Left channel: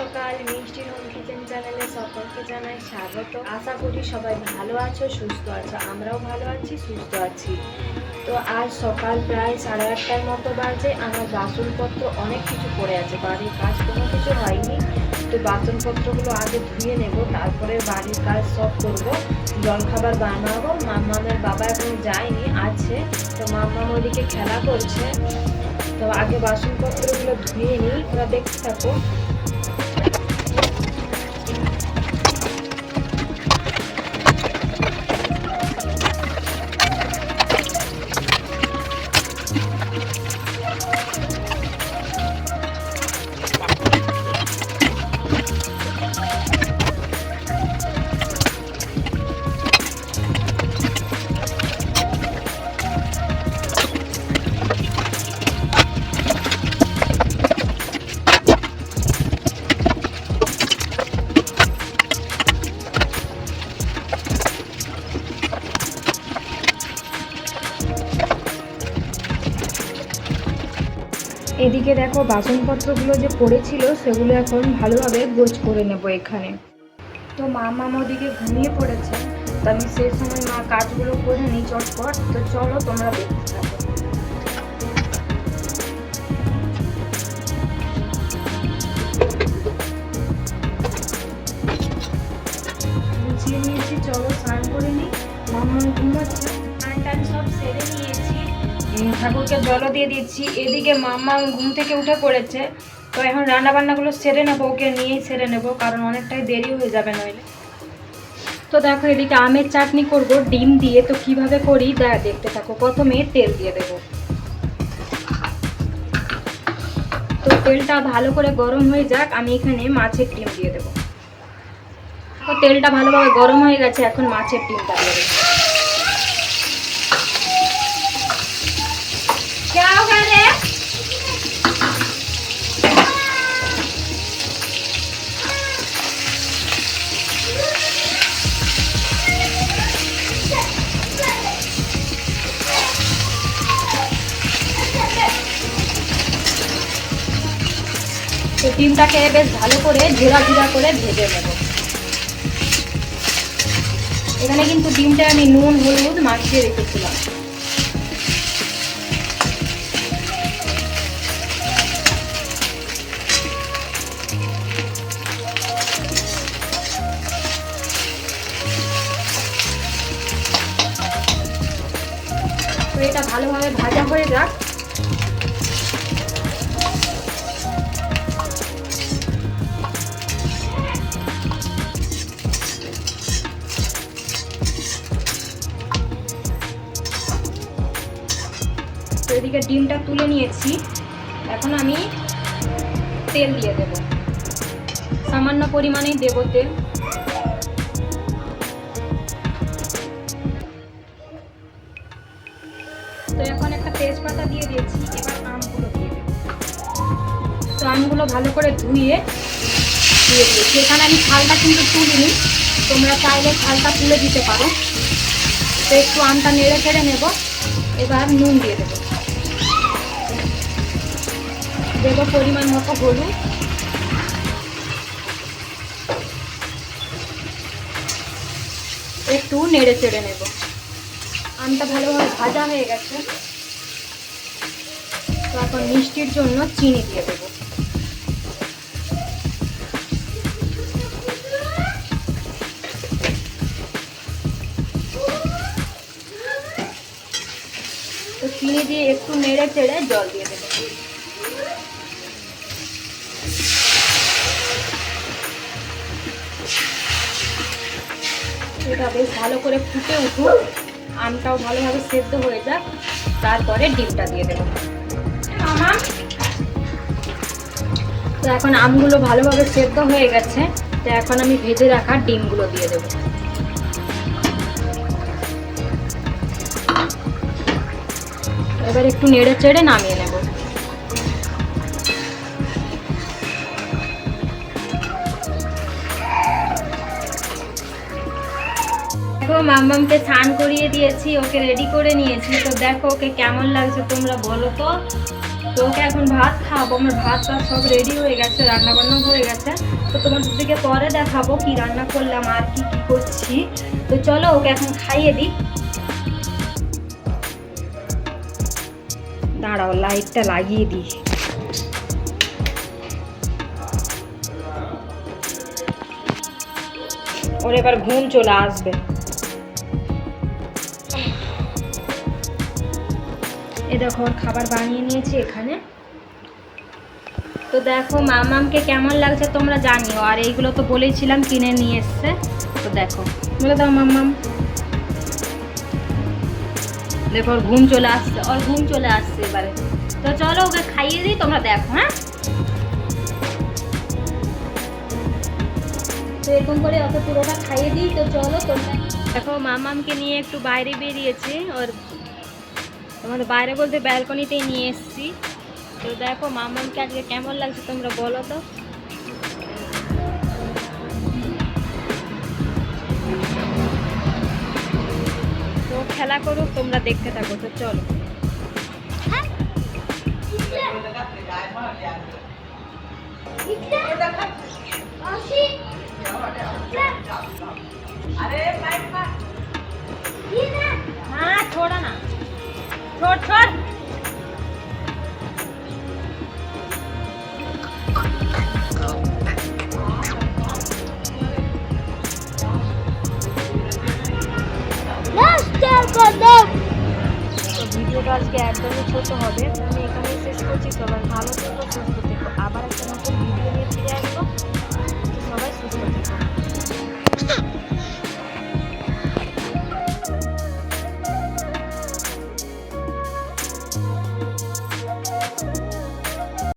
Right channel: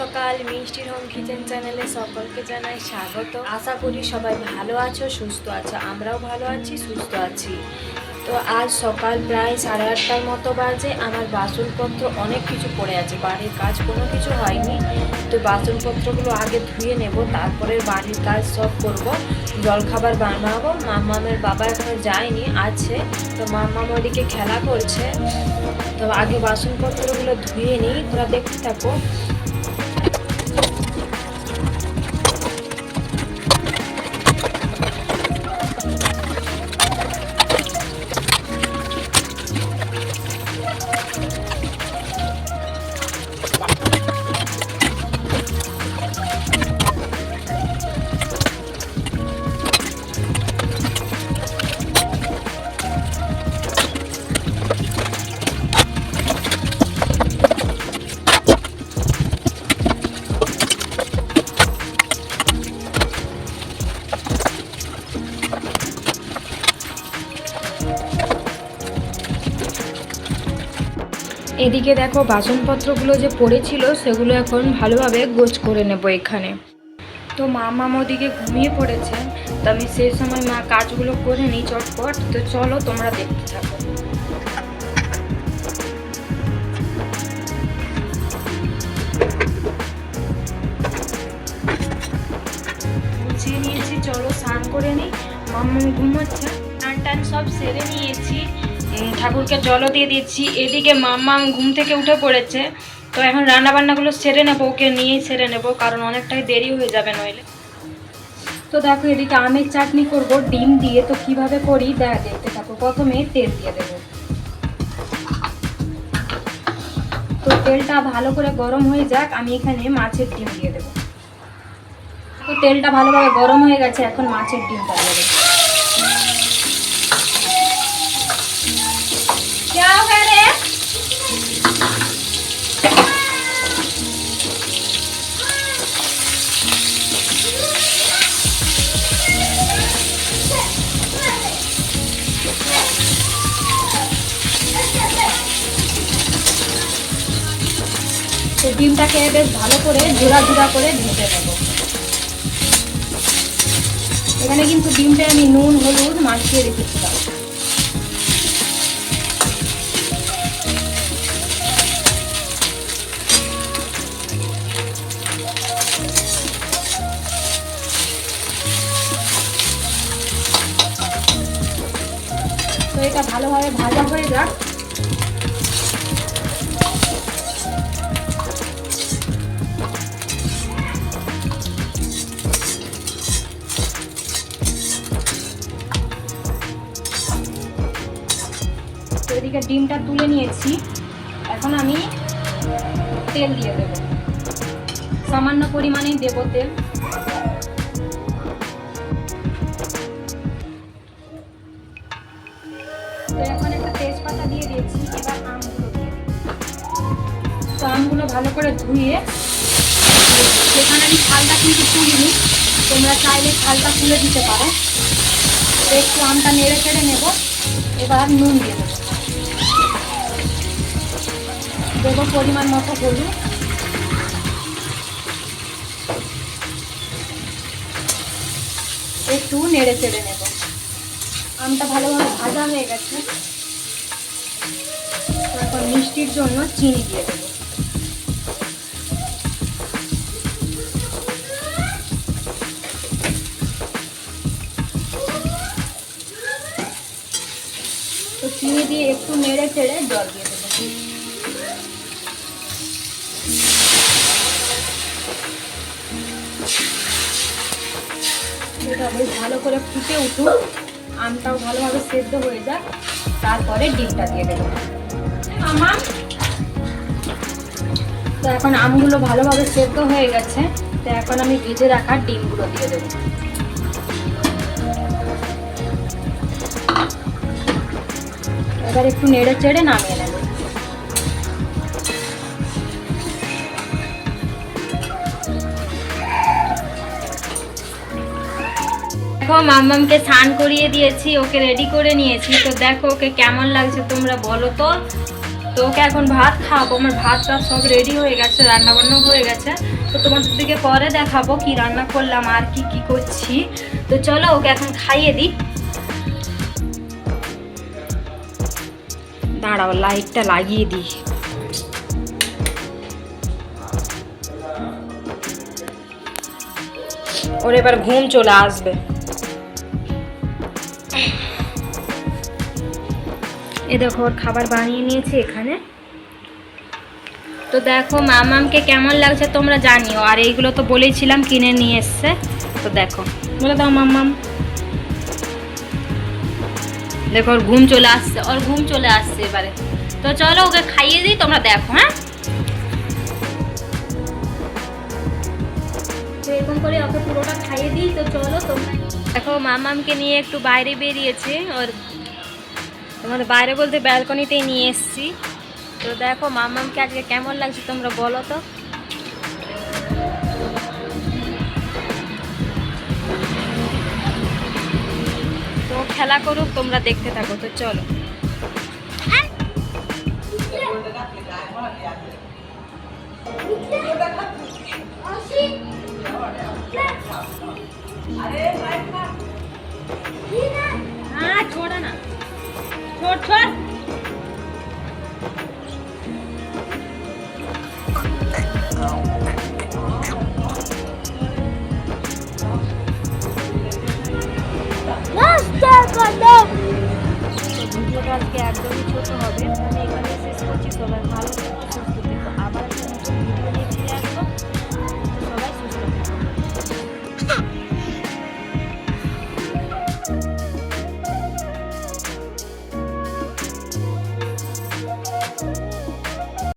সকাল মিষ্টির home kitchen চ্যানেলে সকলকে জানাই স্বাগত। আশা করি সবাই ভালো আছো, সুস্থ আছো। আমরাও ভালো আছি, সুস্থ আছি। তো আজ সকাল প্রায় 8:30টার মতো বাজে। আমার বাসনপত্র অনেক কিছু পড়ে আছে, বাড়ির কাজ কোনো কিছু হয়নি। তো বাসনপত্রগুলো আগে ধুয়ে নেব, তারপরে বাড়ির কাজ সব করব, জলখাবার বানাবো। মাম্মামের বাবা এখনো যায়নি, আছে। তো মাম্মাম ওইদিকে খেলা করছে। তো আগে বাসনপত্রগুলো ধুয়ে নিই, তোরা দেখতে থাকো। এদিকে দেখো বাসনপত্রগুলো যে পড়েছিল সেগুলো এখন ভালোভাবে গোছ করে নেব এখানে। তো মামা ওদিকে ঘুমিয়ে পড়েছে, তো আমি সেই সময় মা কাজগুলো করে নিই চটপট। তো চলো তোমরা দেখতে থাকো। গুছিয়ে নিয়েছি, চলো স্নান করে নিই। মাম্মা ঘুমোচ্ছে, স্নান টান সব সেরে নিয়েছি, ঠাকুরকে জলও দিয়ে দিচ্ছি। এদিকে মাম্মা ঘুম থেকে উঠে পড়েছে। তো এখন রান্নাবান্নাগুলো সেরে নেবো, ওকে নিয়েই সেরে নেবো, কারণ অনেকটাই দেরি হয়ে যাবে নইলে। তো দেখো এদিকে আমের চাটনি করব ডিম দিয়ে। তো কিভাবে করি দেখতে থাকো। প্রথমে তেল দিয়ে দেবো। তো তেলটা ভালো করে গরম হয়ে যাক, আমি এখানে মাছের ডিম দিয়ে দেবো। তো তেলটা ভালোভাবে গরম হয়ে গেছে, এখন মাছের ডিমটা দেবো। তো ডিমটাকে বেশ ভালো করে ঝোড়া করে ভেজে নেব। এখানে কিন্তু ডিমটা আমি নুন হলুদ মাখিয়ে রেখেছিলাম। তো এটা ভালোভাবে ভাজা হয়ে যাক। এদিকে ডিমটা তুলে নিয়েছি, এখন আমি তেল দিয়ে দেব। সামান্য পরিমাণেই দেব তেল। তো এখন একটা তেজপাতা দিয়ে দিয়েছি, এবার আমগুলো দিয়ে দেব। তো আমগুলো ভালো করে ধুয়ে দিয়ে দিয়েছি। এখানে আমি ছালটা কিন্তু তুলিনি, তোমরা চাইলে ছালটা তুলে দিতে পারো। তো একটু আমটা নেড়ে চেড়ে নেব। এবার নুন দিয়ে দেবো, দেবো পরিমাণ মতো হলুদ, একটু নেড়ে চেড়ে নেব। আমটা ভালোভাবে ভাজা হয়ে গেছে, তো এখন মিষ্টির জন্য চিনি দিয়ে দেবো। তো চিনি দিয়ে একটু নেড়ে চেড়ে জল দিয়ে দেবো। এটা বেশ ভালো করে ফুটে উঠুক, আমটাও ভালোভাবে সেদ্ধ হয়ে যাক, তারপরে ডিমটা দিয়ে দেবো। তো এখন আমগুলো ভালোভাবে সেদ্ধ হয়ে গেছে, তো এখন আমি ভেজে রাখা ডিমগুলো দিয়ে দেবো। এবার একটু নেড়ে চেড়ে নামিয়ে নেব। দেখো মাম্মামকে স্নান করিয়ে দিয়েছি, ওকে রেডি করে নিয়েছি। তো দেখো ওকে কেমন লাগছে তোমরা বলো তো। তো ওকে এখন ভাত খাওয়াবো। আমার ভাত টাত সব রেডি হয়ে গেছে, রান্না বান্নাও হয়ে গেছে। তো তোমাদের দিকে পরে দেখাবো কি রান্না করলাম আর কি কি করছি। তো চলো ওকে এখন খাইয়ে দিই। দাঁড়াও লাইটটা লাগিয়ে দিই। ওর এবার ঘুম চলে আসবে। এ দেখো ওর খাবার বানিয়ে নিয়েছি এখানে। তো দেখো মামামকে কেমন লাগছে তোমরা জানিও। আর এইগুলো তো বলেইছিলাম কিনে নিয়ে এসছে। তো দেখো বলে দাও মামাম। দেখো ওর ঘুম চলে আসছে, ওর ঘুম চলে আসছে এবারে। তো চলো ওকে খাইয়ে দিই, তোমরা দেখো। হ্যাঁ, তো এরকম করে ওকে পুরোটা খাইয়ে দিই। তো চলো তোমরা দেখো মামামকে নিয়ে একটু বাইরে বেরিয়েছি। ওর তোমাদের বাইরে বলতে ব্যালকনিতেই নিয়ে এসেছি। তো দেখো মামামকে আজকে কেমন লাগছে তোমরা বলো তো। তো খেলা করুক, তোমরা দেখতে থাকো। তো চলো। हाँ छोड़ा ना, छोड़ छोड़। তো ভিডিওটা আজকে একদমই ছোট হবে, আমি এখানেই শেষ করছি। সবাই ভালো থেকো, সুস্থ থেকো। আবার একটা নতুন ভিডিও নিয়ে ফিরে আসবো। তো সবাই সুস্থ থেকো।